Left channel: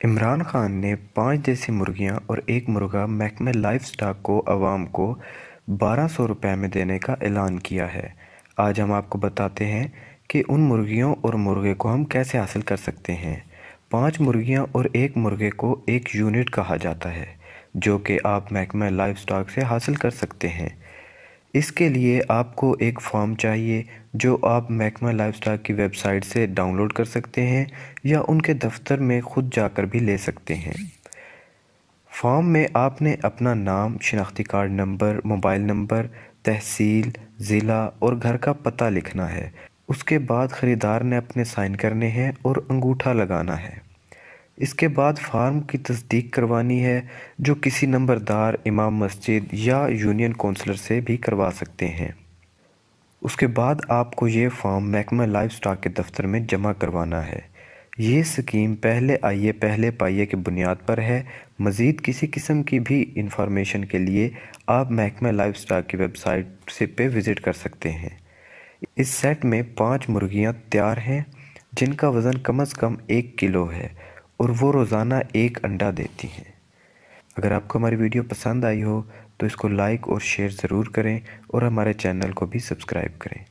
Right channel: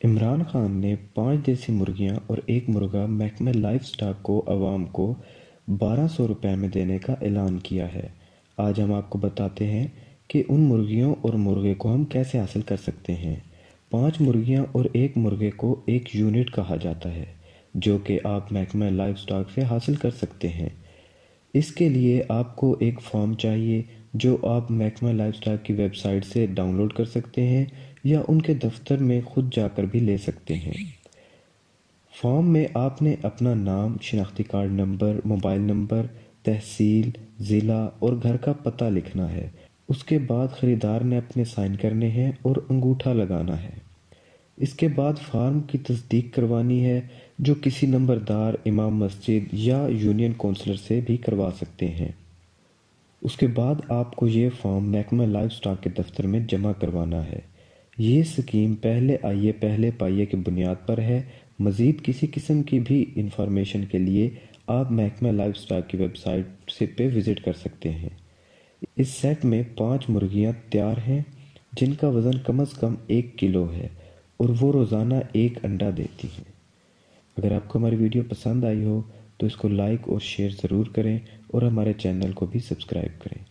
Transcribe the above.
इमरान खान ने 5 देसी मुर्गियां और एक मुर्गा महकमे लाइफ स्टॉक को अवाम को 1200 रुपए में देने का ऐलान किया है। आज हम आपको बताते हैं कि उन मुर्गियों और मुर्गे को हम कैसे हासिल कर सकते हैं। 5 मुर्गियां और एक मुर्गे को एक यूनिट कहा जाता है, जो कि आप महकमे लाइफ स्टॉक से हासिल कर सकते हैं। इसके लिए आपको एक फॉर्म चाहिए जो आप महकमा लाइफस्टॉक की वेबसाइट से डाउनलोड कर सकते हैं या उनके दफ्तर में खुद जाकर भी ले सकते हैं। फॉर्म में आपने अपना नाम, शनाख्ती कार्ड नंबर, मोबाइल नंबर, तहसील, ज़िला और घर का पता लिखना है। उसके बाद ख़रीदार ने अपने साइन करने हैं और अंगूठा लगाना है। इसके बाद फार्म की तस्दीक करवानी है, जो किसी नंबरदार, इमाम मस्जिद या यूनियन काउंसलर से भी करवा सकते हैं। उसके बाद आपको ये फॉर्म महकमा लाइफ स्टॉक के दफ्तर में जमा करवाना है। ये स्कीम पहले आइए पहले पाइए की बुनियाद पर है। मज़ीद किसी किस्म की भी इंफॉर्मेशन के लिए आप महकमा लाइफ स्टॉक की वेबसाइट से पे विज़िट कर सकते हैं। इस सेट में 5 मुर्गियाँ तैयार हैं, जिनका वज़न कम से कम 1 किलो है और वो रोज़ाना 1 अंडा देती हैं। अगर आपको हमारी वीडियो पसंद आई हो तो इसको लाइक और शेयर ज़रूर करें और हमारे चैनल को भी सब्सक्राइब करें।